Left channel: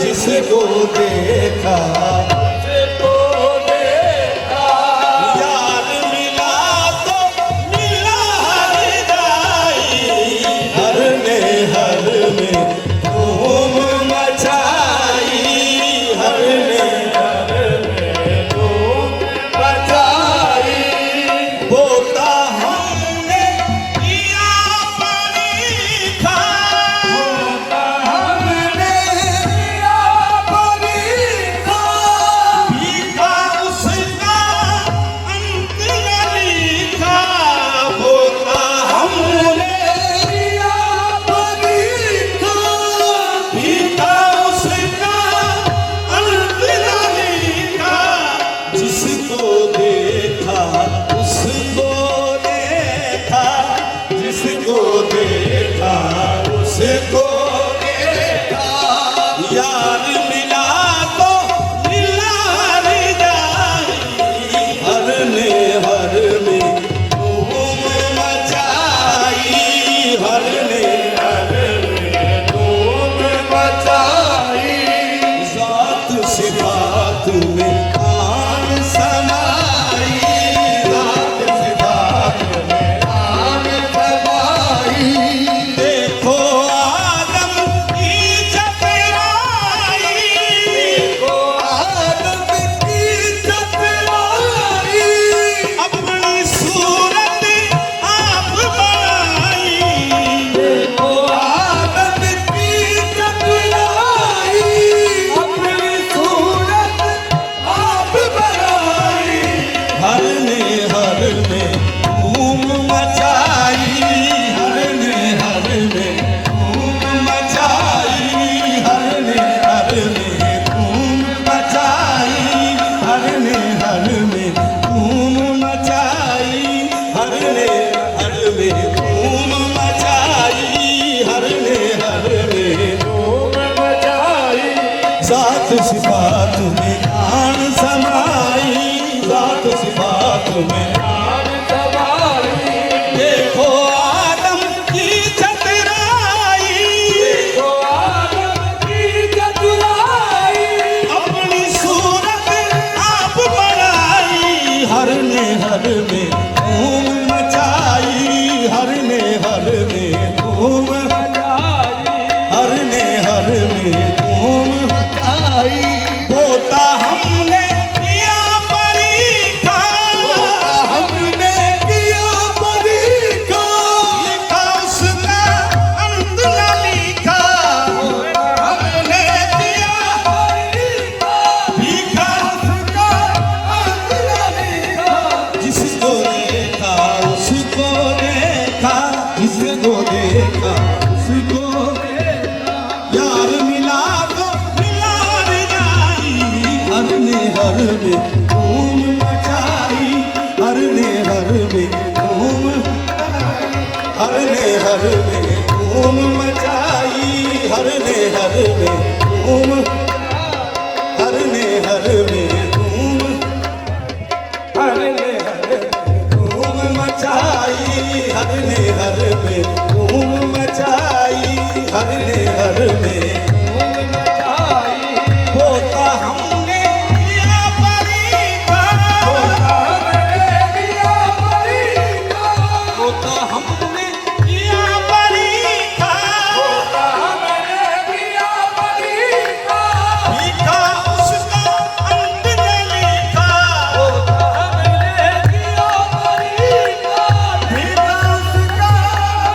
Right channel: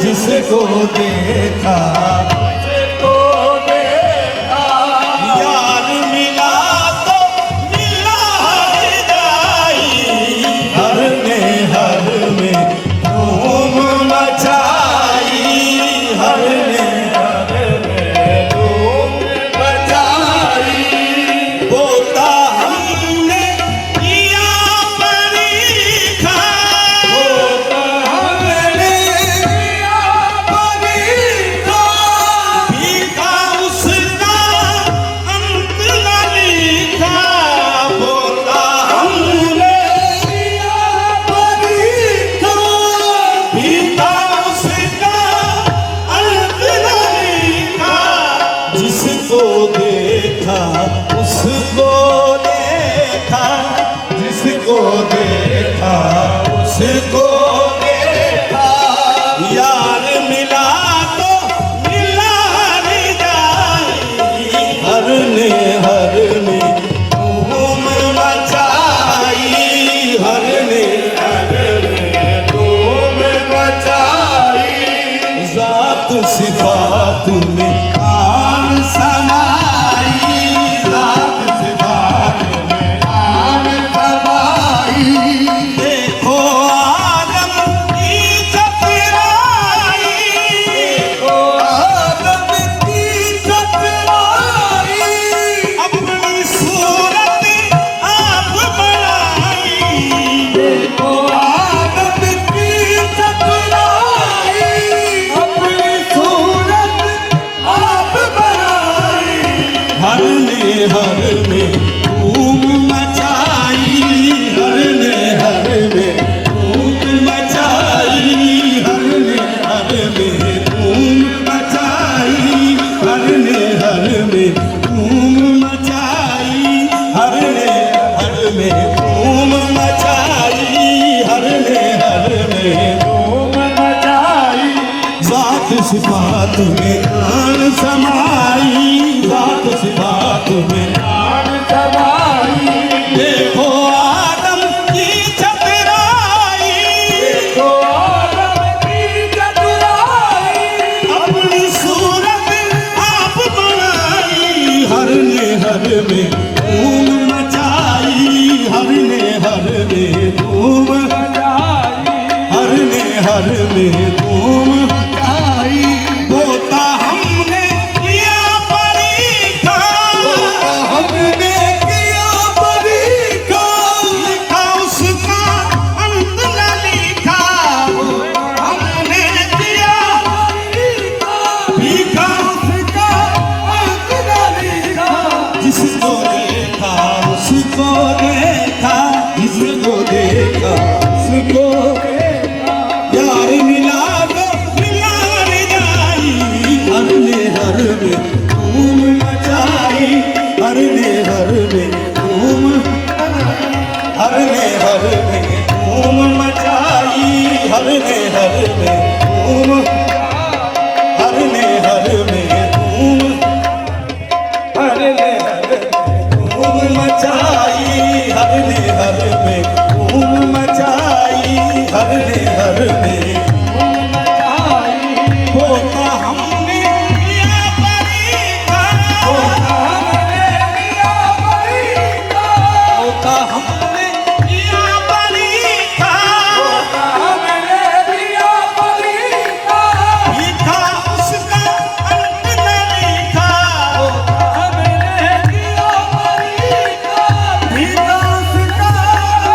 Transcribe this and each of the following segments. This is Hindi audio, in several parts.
जिसको देखा यार मिला तो मिला जाई हर ने हर में धूम मचाई हर ने हर में धूम मचाई बोता हमने किया परीक्षा बोता हमने किया परीक्षा भीखा उसका अंत न लिखा बोता हमने किया परीक्षा भीखा उसका अंत न लिखा जिसको देखा उसको देखा जिसको देखा उसको देखा यार मिला तो मिला रे जाई हर ने हर में धूम मचाई हर ने हर में धूम मचाई जात सिफात में आन समाई जात सिफात में आन समाई देखो आदम की चतुराई देखो आदम की चतुराई अपनी सूरत आप बनाई देखो आदम की चतुराई अपनी सूरत आप बनाई हर ने धूम मचाई हर ने धूम मचाई हर ने धूम मचाई हर ने धूम मचाई हर ने धूम मचाई हर ने धूम मचाई जात सिफात में आन समाई जात सिफात में आन समाई देखो आदम की चतुराई देखो आदम की चतुराई अपनी सूरत आप बनाई हर में धूम मचाई हर में धूम मचाई हर में धूम मचाई बोता हमने किया परीक्षा बोता हमने किया परीक्षा लिखा उसका अंत न लिखा हमने किया परीक्षा भीखा उसका अंत न लिखा जिसको देखा उसको देखा जिसको देखा उसको देखा यार मिला तो मिला रे जाई हर ने धूम मचाई हर ने धूम हर ने धूम मचाई हर ने धूम हर ने में धूम, हर ने हर में धूम मचाई, हर ने हर में धूम मचाई, हर ने हर में धूम मचाई। होता हमने किया परीक्षण, होता हमने किया परीक्षण, होता हमने किया परीक्षण, होता हमने किया परीक्षण। लिखा उसका अंत न लिखा, होता हमने किया परीक्षण। लिखा उसका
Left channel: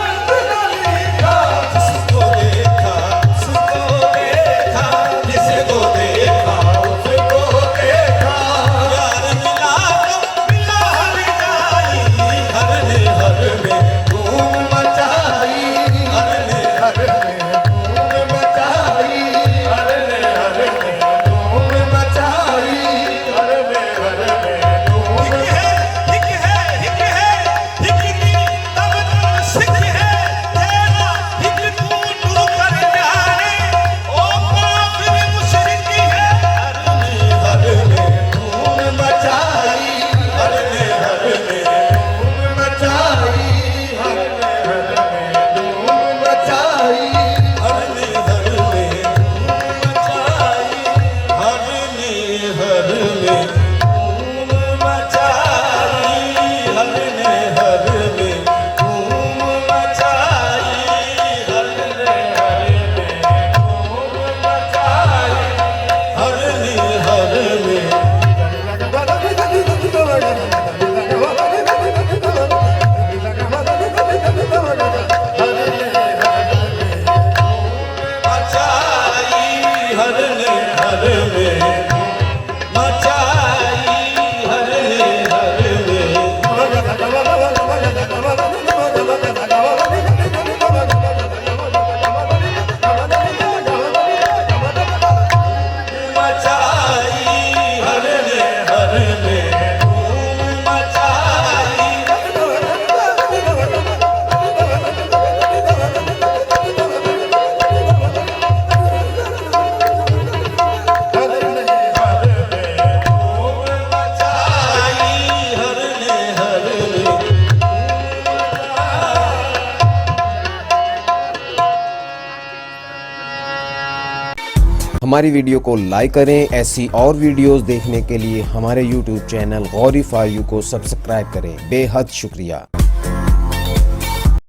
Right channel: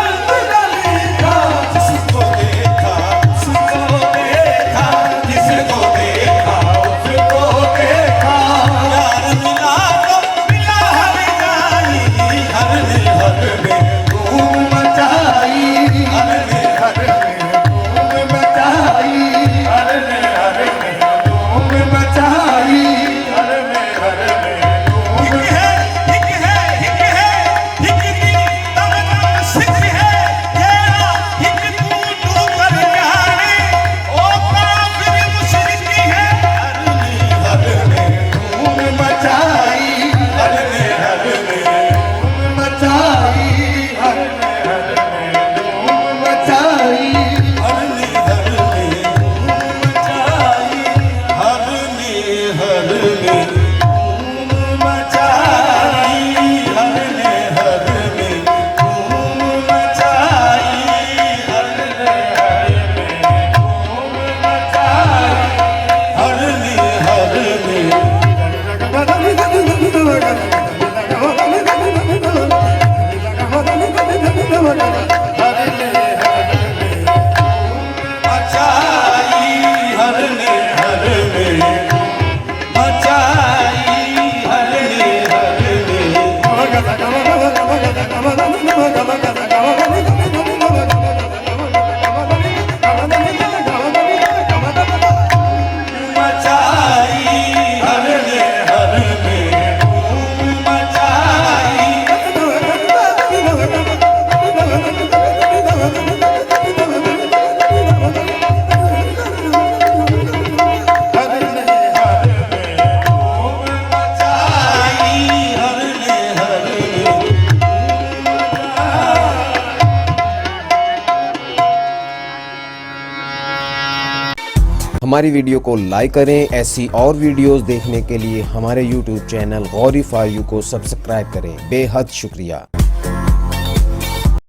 अंत न लिखा, जिसको देखा उसको देखा, जिसको देखा उसको देखा। यार मिला तो मिला हर जाई, हर ने हर में धूम मचाई, हर ने हर में धूम मचाई, हर ने हर में धूम मचाई, हर ने हर में धूम। हिक है हिक है हिक दिन तब तब सिख है तेरा, हिक तू कर जाने ओ काफिर मुशरिक है। हर ने हर में धूम मचाई, हर ने हर में धूम मचाई, हर ने हर में धूम मचाई, हर ने हर में धूम मचाई, हर ने हर में धूम मचाई, हर ने हर में धूम मचाई, हर ने हर में धूम मचाई, हर ने हर हमारी वीडियो को लाइक करें। ऐसी और वीडियोस देखने के लिए हमारे YouTube channel Gauri for you को सब्सक्राइब करें। बेहद शुक्रिया।